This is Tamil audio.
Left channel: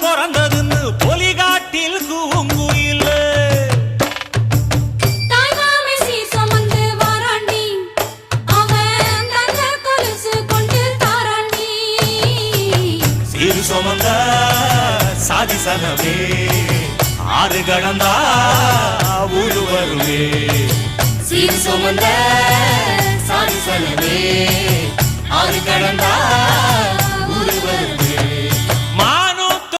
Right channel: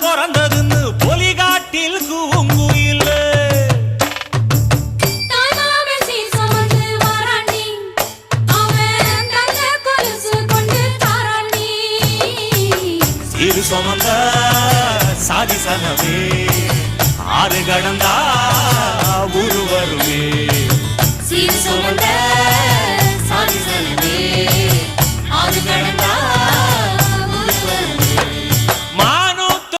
பிறந்ததுன்னு பொலிகாட்டில் கூங்குயில் சீரு சுமந்த சாதி சனவே ஆறு கடந்தா ஊரு வருவே சீரு சுமந்த சாதி சனவே ஆறு கடந்தா